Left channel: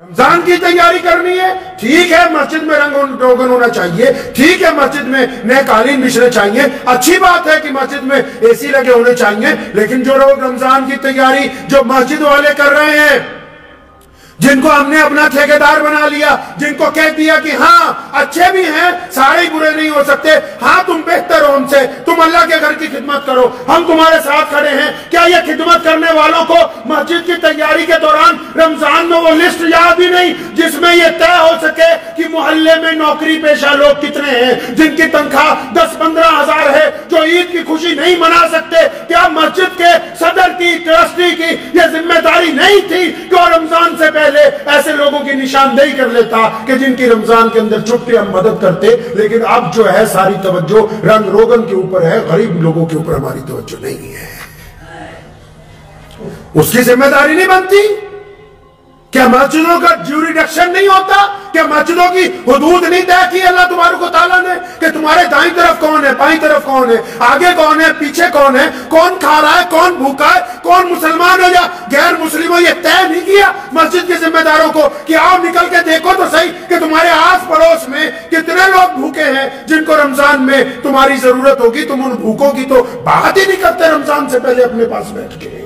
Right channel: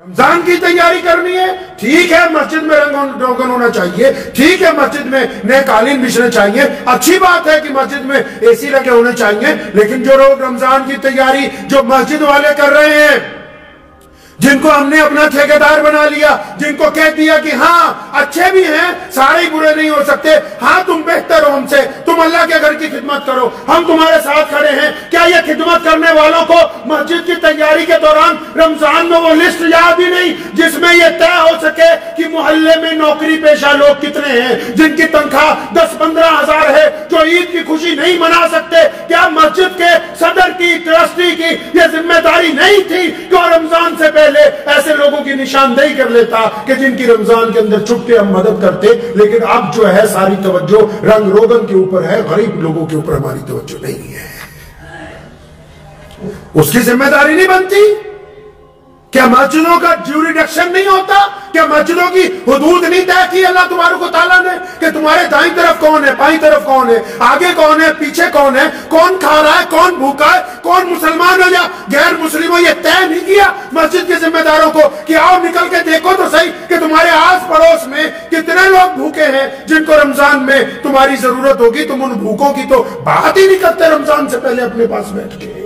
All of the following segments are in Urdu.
رمضان کی تیاری کرنی ہے، ٹھیک ہے مسجد میں رنگ روگن ہونا چاہیے، ٹھیک ہے مسجد میں نئے قالین بچھنے چاہیے، اچھی بات ہے کہ مسجد میں اے سی لگے ہونے چاہیے، لیکن جو لوگ رمضان کی تیاری جو مسجد والے کر رہے ہیں، جن کو ہم نے اپنا ٹھیکیدار بنا لیا، جن کو کہہ دیا کہ ہاں اچھے بھی ہیں، سارے ہی برے نہیں ہو سکتے، ہاں تم بہتر ہو ہم سے، تم اللہ کے گھر کی خدمت کرو، ہم تمہارے ساتھ کھڑے ہیں، کیا یہ خدمت کرنے والوں کو مسجد کی تیاری کے دوران رمضان میں وہ لسٹ یاد ہی نہیں جس میں یہ طے ہو سکے کہ محلے میں نوکری پیشہ لوگ کتنے ہیں جن کی تنخواہ 10-15 ہزار ہے، جو عید کی خوشی نہیں منا سکتے؟ کیا مسجد کے صدر کی، ٹرسٹی کی یہ ذمہ داری نہیں تھی کہ وہ رمضان سے پہلے ایسے لوگوں کی نشاندہی کر لیتا کہ جن کی رمضان کے اندر چھپ کے ہم مدد کرتے؟ لیکن اب جو ہے ساری توجہ رنگ روگن کے اوپر ہے، غریب لوگوں کے اوپر ہماری توجہ نہیں ہے۔ اس کی ذمہ داری نہیں بنتی؟ کیا مسجدوں کا جیوریڈکشن نہیں ہوتا؟ کیا مسجدوں کی حدود نہیں طے کی اللہ تبارک و تعالیٰ نے کہ تمہارے دائیں طرف کون ہے، بائیں طرف کون ہے، آگے کون ہے، پیچھے کون ہے، کون کھا رہا ہے، کون بھوکا ہے، کون مسلمان ہو یا غیر مسلم ہو؟ یہ طے نہیں کیا مسجد کے ذمہ داروں کو کہ آؤ نکل کے دیکھو تو صحیح کہ تمہارے آس پڑوس میں کتنے لوگ بھوکے ہیں جن کو رمضان میں تمہاری ضرورت ہوگی؟ تم ان بھوکوں کی تو بات ہی نہیں کرتے رمضان سے پہلے اپنے پاس بیٹھ کے۔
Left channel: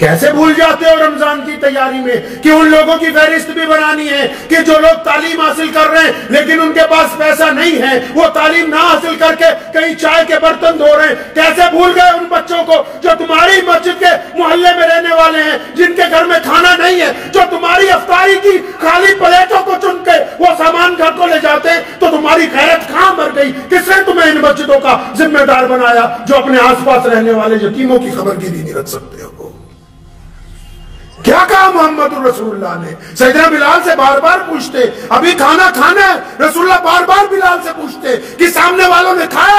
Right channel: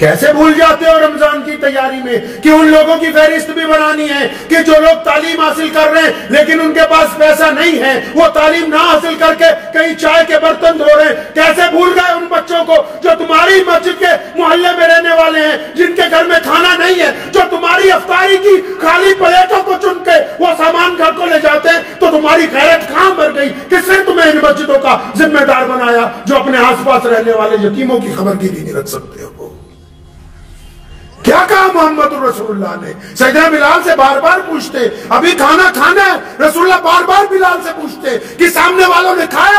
کیسے بھول جاتے ہو رمضان کی تیاری میں کہ ان لوگوں کی فہرست بھی بنانی ہے کہ جو لوگ تعلیم حاصل کر رہے ہیں لیکن ان کے پاس پیسہ نہیں ہے، وہ تعلیم نہ حاصل کر کے کہیں چائے کے برتن دھو رہے ہیں؟ کیسے بھول گئے ان بچوں کو جو تمہاری مسجد کے محلے میں رہنے والے ہیں، جن کے گھر میں کھانا نہیں ہے، جو تمہاری افطاری کی خالی پلیٹوں کو چن کے وہ سامان گھر کو لے جاتے ہیں؟ تو تمہاری غیرت کہاں مر گئی؟ کس نے تمہیں ان مسجدوں کا ذمہ دار بنایا جو اپنے آس پاس رہنے والے یتیموں کی خبرگیری نہیں رکھ سکتے ہو؟ کیا کہا محمد رسول اللہ نے؟ سیدنا بلال سے بار بار پوچھتے ابھی کھانا کھانا ہے، رسول اللہ بار بار بلال سے پوچھتے کہ سامنے والوں نے کھایا،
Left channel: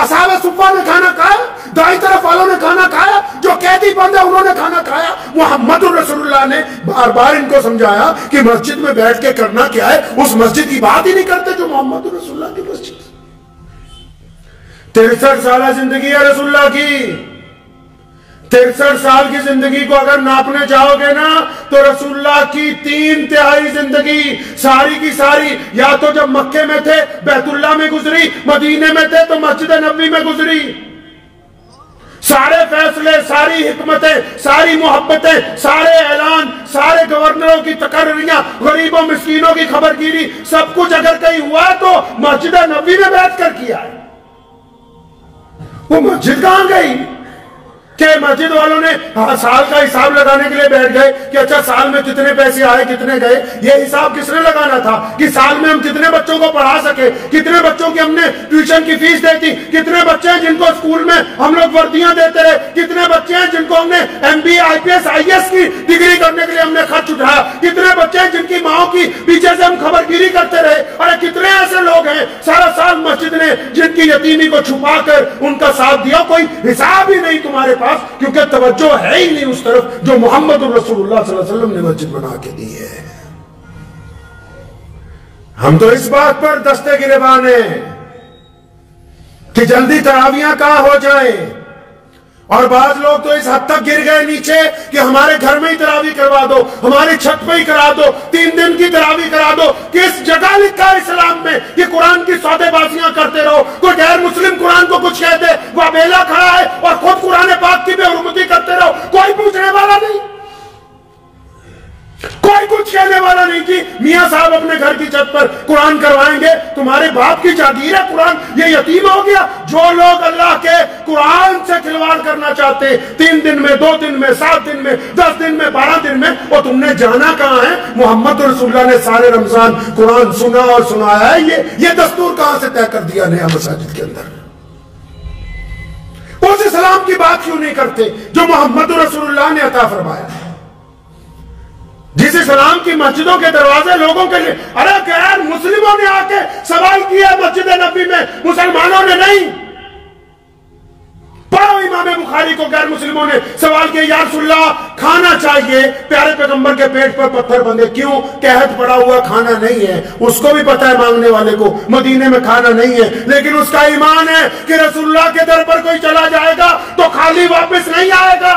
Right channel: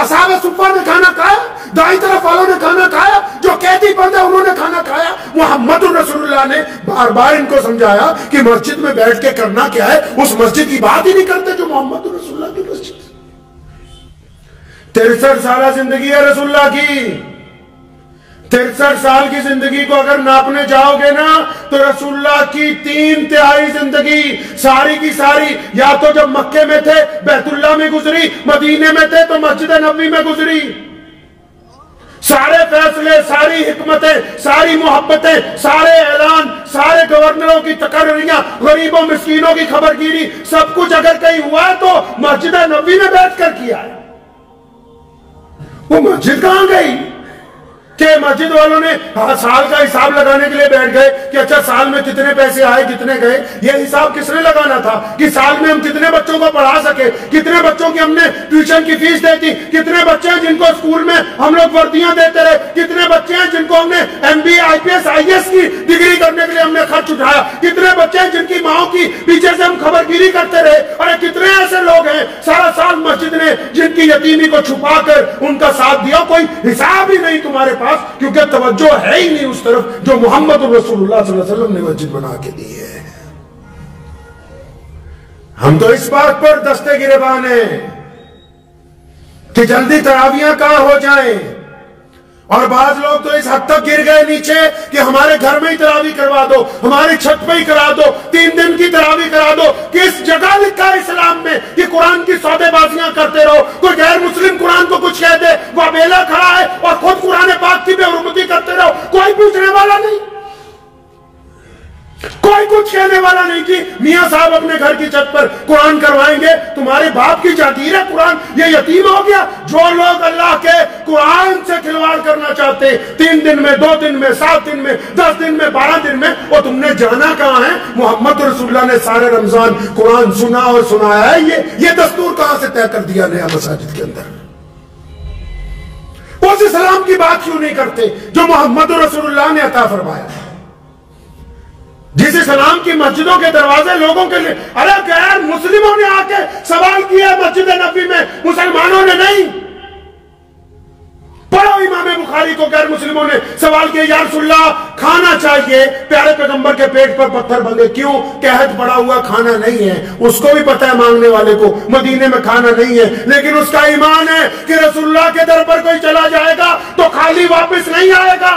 اصحاب صفہ نے کھانا کھایا، دائیں طرف والوں نے کھانا کھایا، جو قیدی بند ہے انہوں نے کھانا کھایا؟ محمد رسول اللہ نے بار بار ان کو سمجھایا کہ مسجد میں بیٹھ کے کرنا کیا ہے، اس مسجد کی بات ہی نہیں کرتے جو محمد رسول اللہ کی مسجد۔ 63 سالہ زندگی ہے رسول اللہ کی، 63 سال کی زندگی کو اگر ناپنے جاؤ گے نا تو رسول اللہ کی 3/3 زندگی ساری کی ساری یا تو جب مکے میں تھے بیت اللہ میں گزری، مدینے میں تھے تو مسجد نبوی میں گزری۔ سارے فیصلے، ساری حکمتیں، ساری محبتیں، سارے اعلان، سارے گورنروں کی تقرریاں، غریبوں مسکینوں کی خبرگیری، سب کچھ اگر کہیں ہوا ہے تو مسجد نبوی میں بیٹھ کر کیا ہے۔ وہ مسجد کہاں گئی کہ مسجد والوں نے سال کا حساب لگانے کے لیے بیٹھ گئے کہ اچھا سال میں کتنے پیسے آئے کتنے گئے؟ یہ حساب کس نے لگانا تھا کہ سال میں ہم کتنے بچوں کو پڑھا سکے، کتنے بچوں کی ہم نے ٹیوشن کی فیس دی تھی، کتنے بچے ہیں جن کو اسکول میں ہم لوگ وردیاں دیتے رہے، کتنے بچے ہیں جن کو ہم نے MBA IPS IAS کی ڈگری کرنے کے لیے ہم نے خرچ اٹھایا، کتنے بچے ہیں جن کی ماؤں کی پیچھے سے ہم خبرگیری کرتے رہے، اور کتنے ایسے لوگ ہیں سارا سال مسجد نے جن کی یتیمی کو چھپا کر ان کا ساتھ دیا، کوئی حساب ہی نہیں تمہارے پاس، کیونکہ توجہ ہے ہی نہیں اس طرف جو محمد رسول اللہ صلی اللہ علیہ وسلم نے مسجد بنا کے دی ہے۔ ہم تو اس بات پر دستے گریبان ہیں کہ جلدی تراویحاں کہاں ہو جائیں، اور بعض لوگ تو اس حد تک گر گئے نیچے کہ ہمارے گھر میں ہی تراویح کروا دو، ہماری چھت پہ ہی کرا دو، 3 دن کی تراویح کرا دو۔ کس جگہ لکھا ہے اسلام میں کہ قرآن کی سودے بازیاں کرتے رہو؟ کوئی غیر مسلم قرآن کو کچھ کہہ دے، وہ بیلا کھڑا ہے اور خود قرآن پاک کی بے حرمتی کرتے رہو، کوئی پوچھنے والا نہیں، کوئی کچھ کہنے والا نہیں کہ میاں صاحب اپنے گھر کی چھت پر قرآن کروائیں گے، تمہارے باپ کی جاگیر ہے قرآن، یہ یتیم ہو گیا؟ جو لوگ اللہ کے قرآن سے کھلواڑ کرنا چاہتے 3 دن میں، 2 دن میں، 7 دن میں، 10 دن میں، 12 دن میں، وہ تم نے جانا کہاں ہے؟ محمد رسول اللہ نے سارے رمضان قرآن سنا اور سنایا ہے، یہ دستور کہاں سے طے کر دیا نیا مساجد کے اندر؟ اس اسلام کی بات کیوں نہیں کرتے جو محمد رسول اللہ نے عطا فرمایا ہے؟ جس اسلام کی مسجدوں کے دروازے لوگوں کے لیے، ارے غیر مسلموں نے آ کے سوال کیا مسجد نبوی میں، مسلمانوں نے نہیں۔ پڑھو امام بخاری کو، غیر مسلموں نے سوال کیا یا رسول اللہ کھانا چاہیے، پیارے پیغمبر کے پیٹ پر پتھر بندھے، کیوں؟ قحط پڑا ہوا کھانا نہیں ہے، اس کو بھی پتہ ہے مانگنے والے کو مدینے میں کھانا نہیں ہے، لیکن اس کا ایمان ہے کہ رسول اللہ کے در پر کوئی چلا جائے گا تو خالی واپس نہیں آئے گا۔